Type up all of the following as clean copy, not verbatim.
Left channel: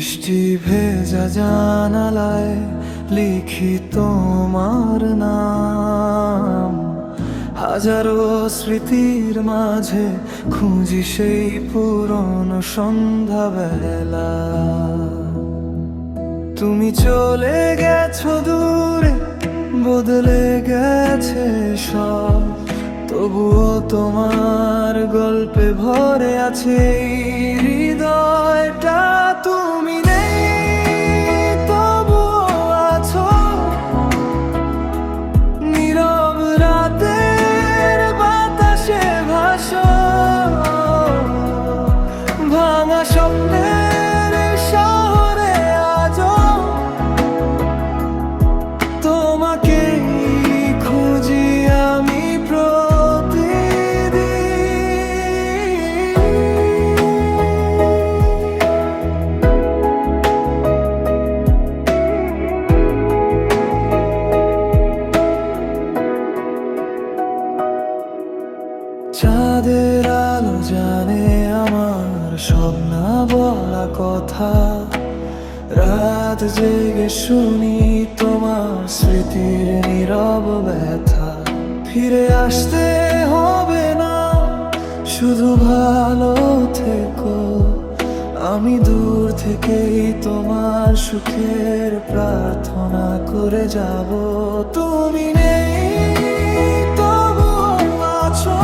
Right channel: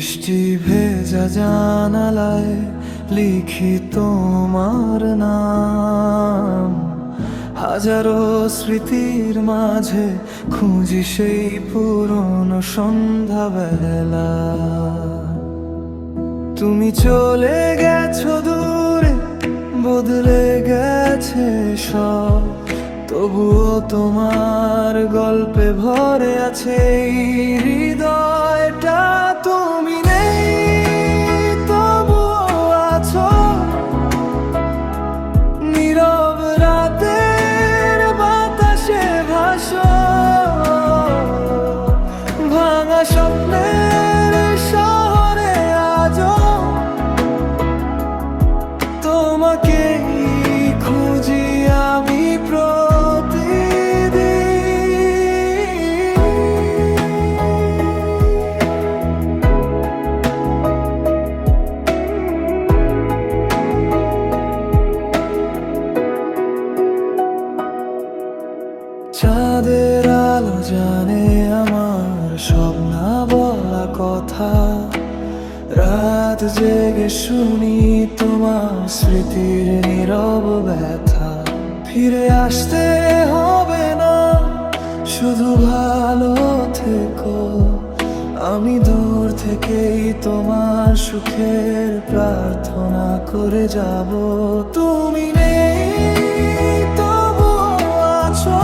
বৃষ্টি ভেজা জানালায় লিখি তোমার নাম, হাজারো স্মৃতির মাঝে খুঁজি সেই পুরনো সন্ধ্যাবেলা। তুমি চলে গেছো দূরে, বদলে গেছে সব, তবুও তোমার গল্পে ভরে আছে এই হৃদয়টা। তুমি নেই তবুও আছো, নীরব রাতের বাতাসে ভাসো, ভাঙা স্বপ্নের শহরে আজও তোমাকেই খুঁজি আমি প্রতিদিন। চাঁদের আলো জানে আমার সব না বলা কথা, রাত জেগে শুনি তোমার স্মৃতির নীরব ব্যথা। ফিরে আসতে হবে না, শুধু ভালো থেকো, আমি দূর থেকেই তোমার সুখের প্রার্থনা করে যাব। তুমি নেই তবুও আছো,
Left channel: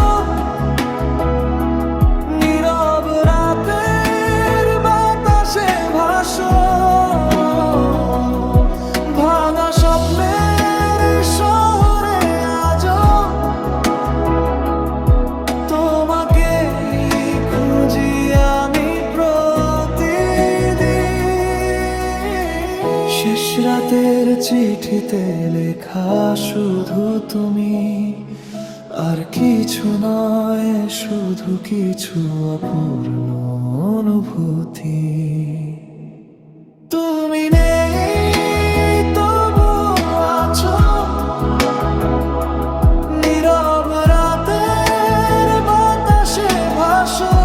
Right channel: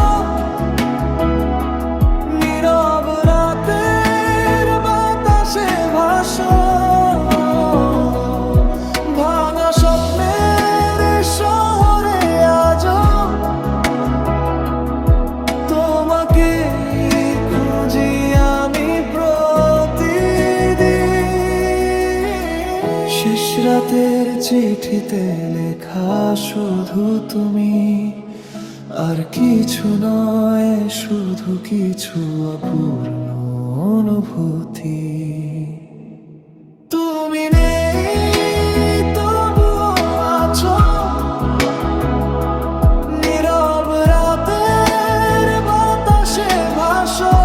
নীরব রাতের বাতাসে ভাসো, ভাঙা স্বপ্নের শহরে আজও তোমাকেই খুঁজি আমি প্রতিদিন। শেষ রাতের চিঠিতে লেখা শুধু তুমি, আর কিছু নয়, শুধু কিছু অপূর্ণ অনুভূতি। তুমি নেই তবুও আছো, নীরব রাতের বাতাসে ভাসো,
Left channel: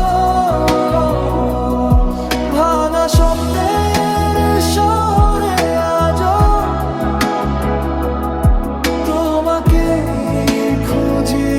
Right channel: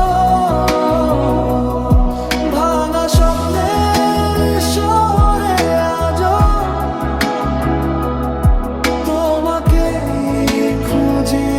ভাঙা স্বপ্নের শহরে আজও তোমাকে খুঁজি